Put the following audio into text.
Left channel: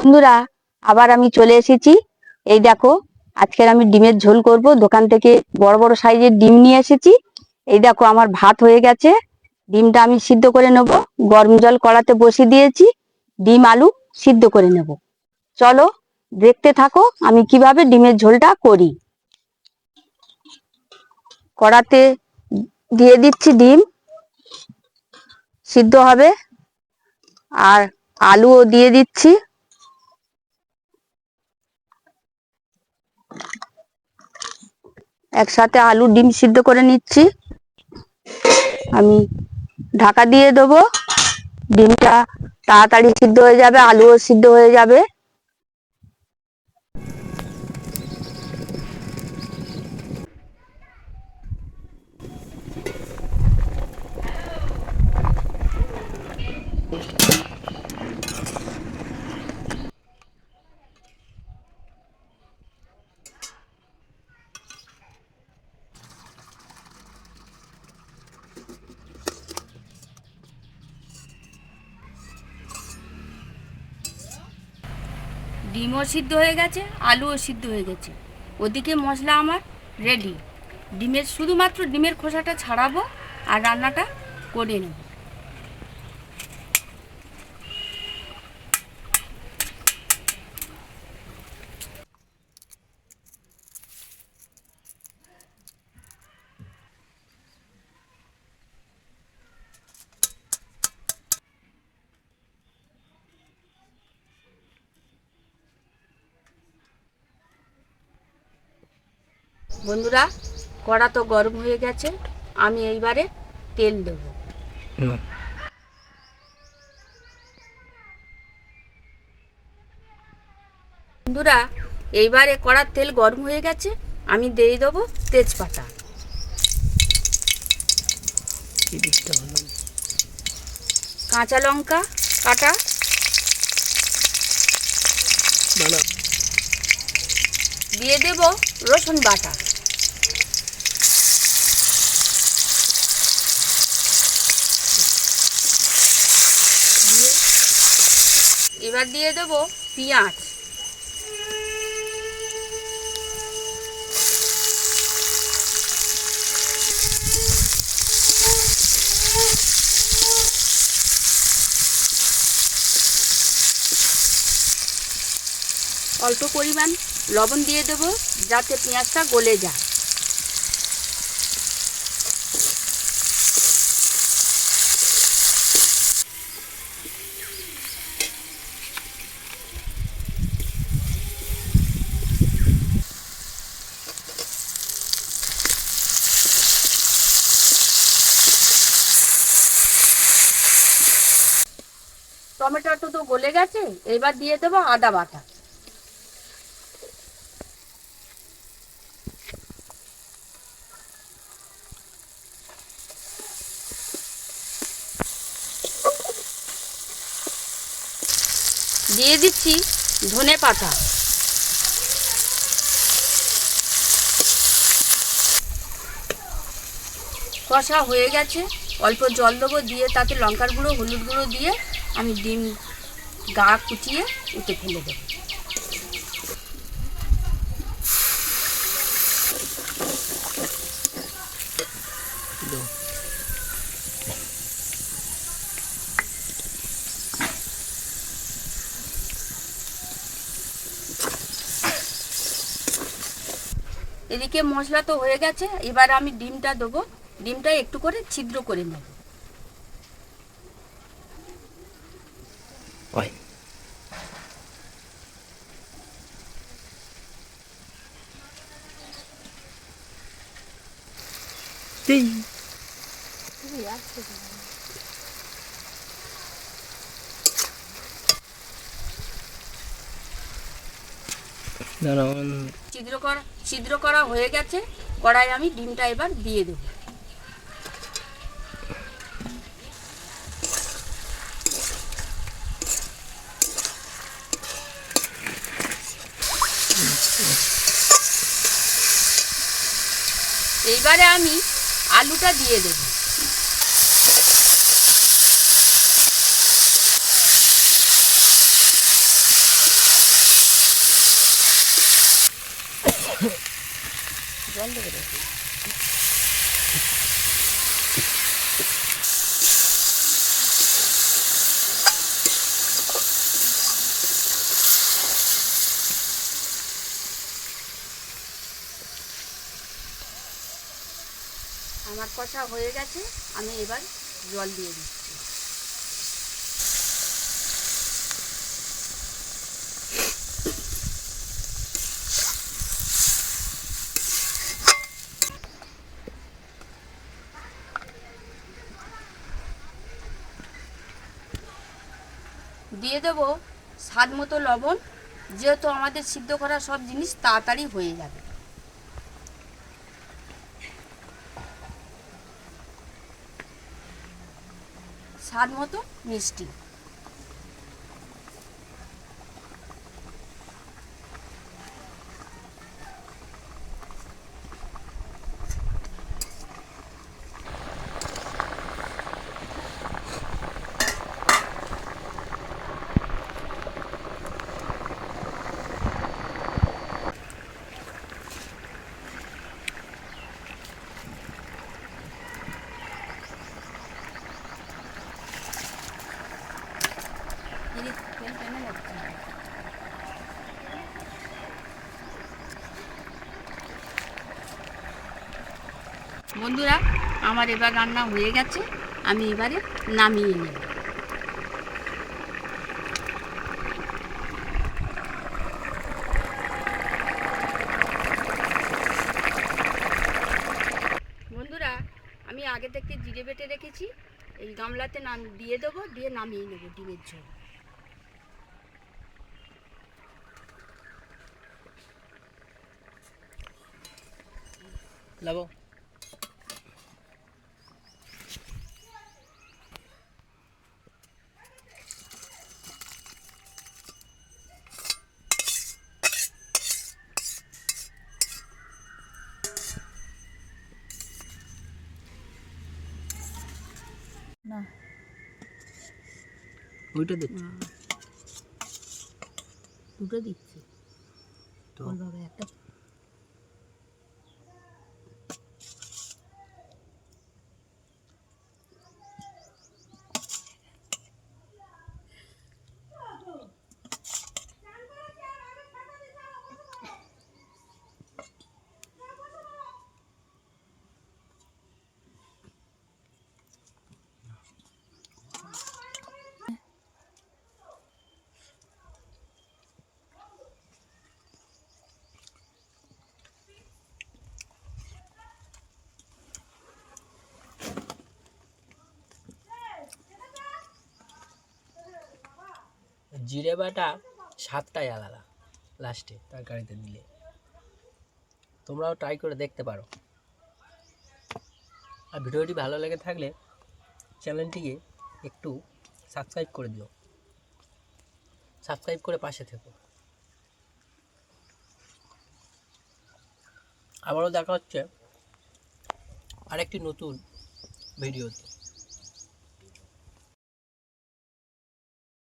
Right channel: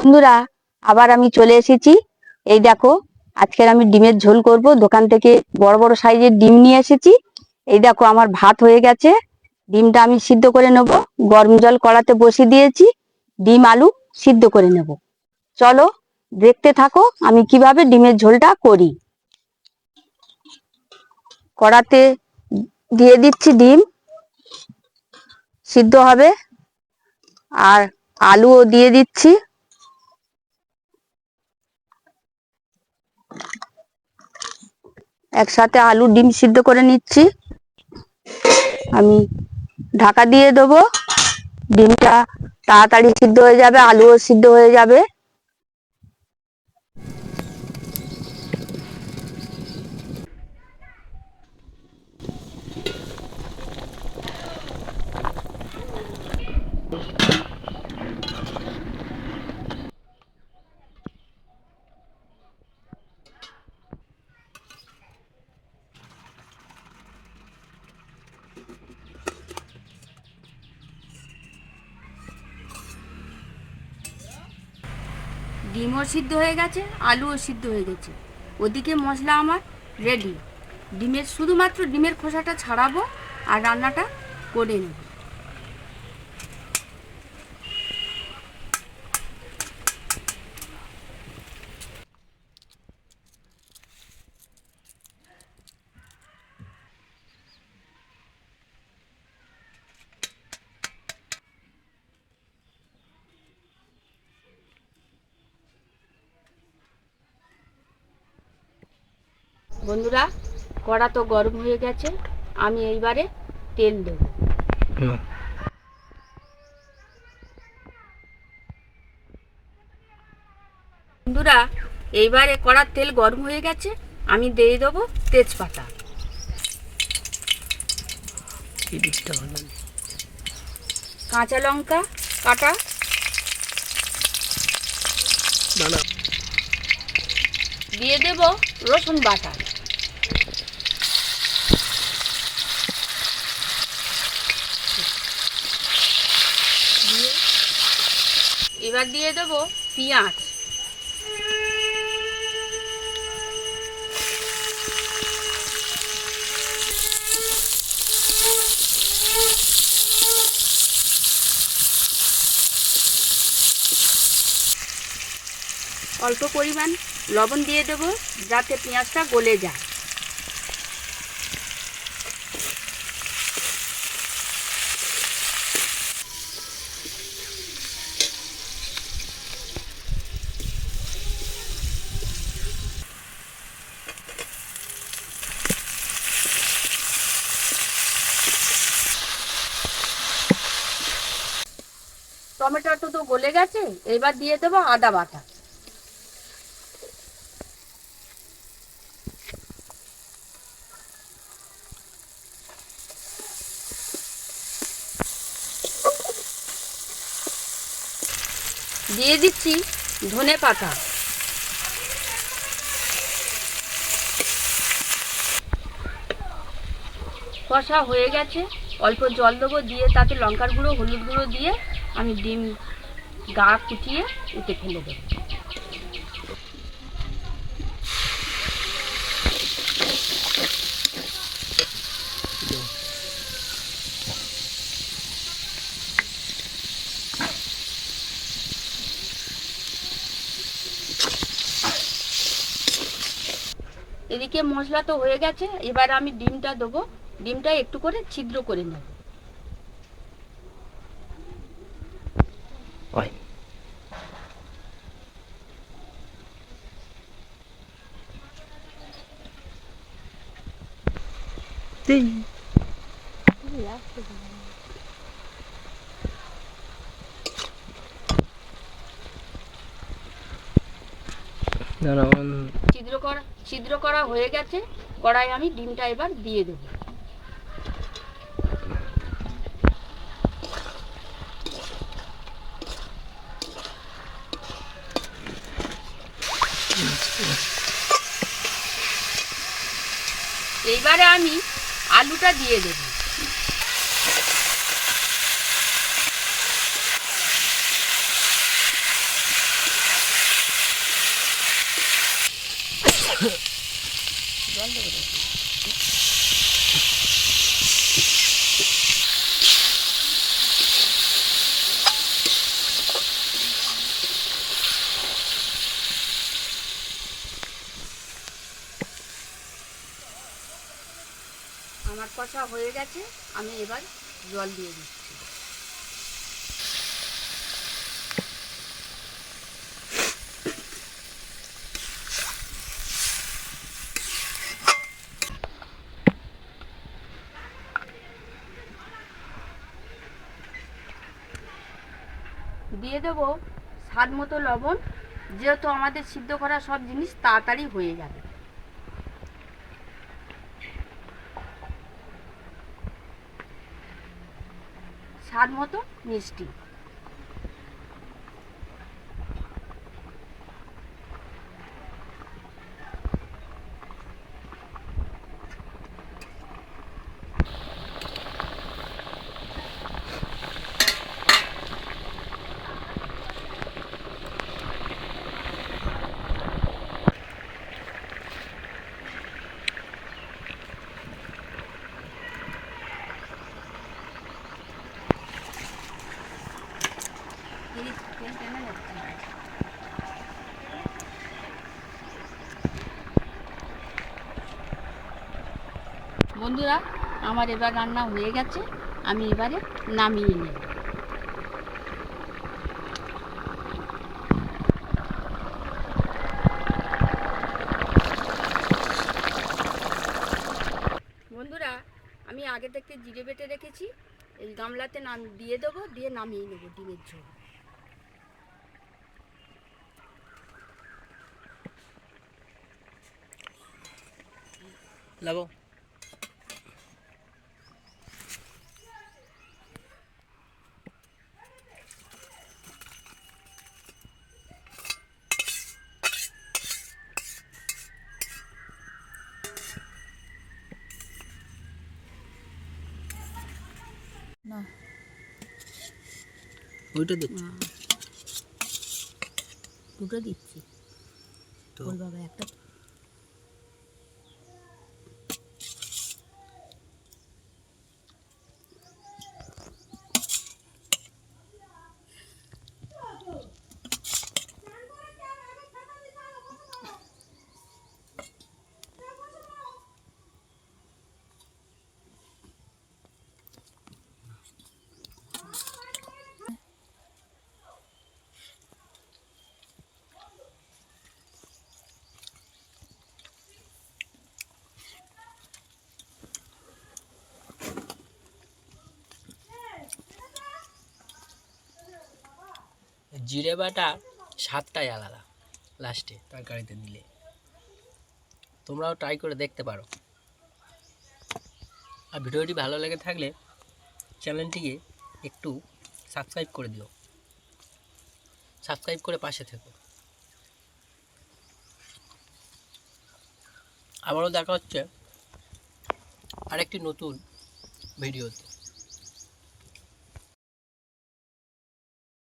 বন্ধুরা, আবার আমি চলে এসেছি। এই দেখো, আজকের আমি ডিমের ঝোল করব। দোকান থেকে বড় বড় সাইজের ডিম নিয়ে এসেছি। এই দেখো, আমার ভাত হয়ে গেছে। ডিমটা আমি সিদ্ধ করে নেব। গরম জল কড়াতে বসিয়ে দিয়েছি। ডিম, আলু সিদ্ধ করে নেব। চলো, দেখতে থাকো আমি কীভাবে ডিমের ঝোলটা করি। কড়াতে দিয়ে দিচ্ছি ডিম। সিদ্ধ হবে। আর আলুও দিয়ে দিচ্ছি। একসাথে আলু ডিম সিদ্ধ করে নিচ্ছি। আমি ঢাকা দিয়ে দেবো। ডিমটা তাড়াতাড়ি সিদ্ধ হয়ে যাবে, আলুও সিদ্ধ হয়ে যাবে। ডিমও সিদ্ধ হয়ে গেছে, আলুও সিদ্ধ হয়ে গেছে। ওদিকে মশলা আমার রেডি ডিমের শুধুমাত্র ডিমের খোসাটা ছাড়াবো আর রান্নাটা করে নেব। বন্ধুরা কড়া তো গরম হয়ে গেছে আমি এইবারে তেল দেবো। বন্ধুরা এইবারে কড়ার তেল গরম হয়ে গেছে আমি দিয়ে দেবো তেজপাতা। কাঁচা লঙ্কা কাটা। দিয়ে দেব রসুন বাটা দিয়ে এবার দিয়ে দেব পেঁয়াজ। অল্প পরিমাণ লবণ দিয়ে দেব যাতে পেঁয়াজটা গলে যায়। টমেটোটা তো গলে গেছে এবার দিয়ে দেবো আদা বাটা। দিয়ে দিচ্ছি ধনে পাতা। কষা হয়ে গেছে, অল্প জল দেবো দিয়ে তাতে লঙ্কার গুঁড়ো, হলুদ গুঁড়ো দিয়ে আমি ডিম গা কুচিয়ে উঠে ফেলে দেবো। এদিকে মশলা তো হয়ে গেছে, এবার আমি ডিমটা দেবো। ডিমটা একটু করে ছিদ্র করে নেব। দাঁড়ান ছিদ্র করা ছিদ্র করা হয়ে গেছে। কড়াই আমি ডিমটা এবার দিয়ে দেবো। এইবারে আমি আলুটা দিয়ে দেবো। জল দেবে আমার কষা হয়ে গেছে, আমি এবার জল দিয়ে দিচ্ছি। দিয়ে দেবো স্বাদ মতো লবণ, যেহেতু আমাদের সিদ্ধ করা সব জিনিস তাড়াতাড়ি হয়ে যাবে। স্বাদ মতো মিষ্টি। বন্ধুরা, আমার এবার রান্না হয়ে গেছে, আমি এবারে নামিয়ে নেব। বন্ধুরা, আমি আগে থেকে জিরে বেটে রেখেছি, এই গামলাতে নাম দিয়ে দেবো, দিয়ে নামিয়ে নেব ডিমের ঝোল। লাগাও না। ওইটা দিচ্ছি। দুটো দিচ্ছি। তো? বাবা একটা জিরে বাটা আলাদা লাস্টে তরকারিতে দিলে তোমরাও ট্রাই করে দেখতে পারো। আর ভিডিওটি ভালো লেগে থাকলে চ্যানেলটিকে একটু সাবস্ক্রাইব করে দিও। সাবস্ক্রাইব করে পাশে থেকো। আবারও দেখা হচ্ছে আরেকটি নতুন ভিডিওতে।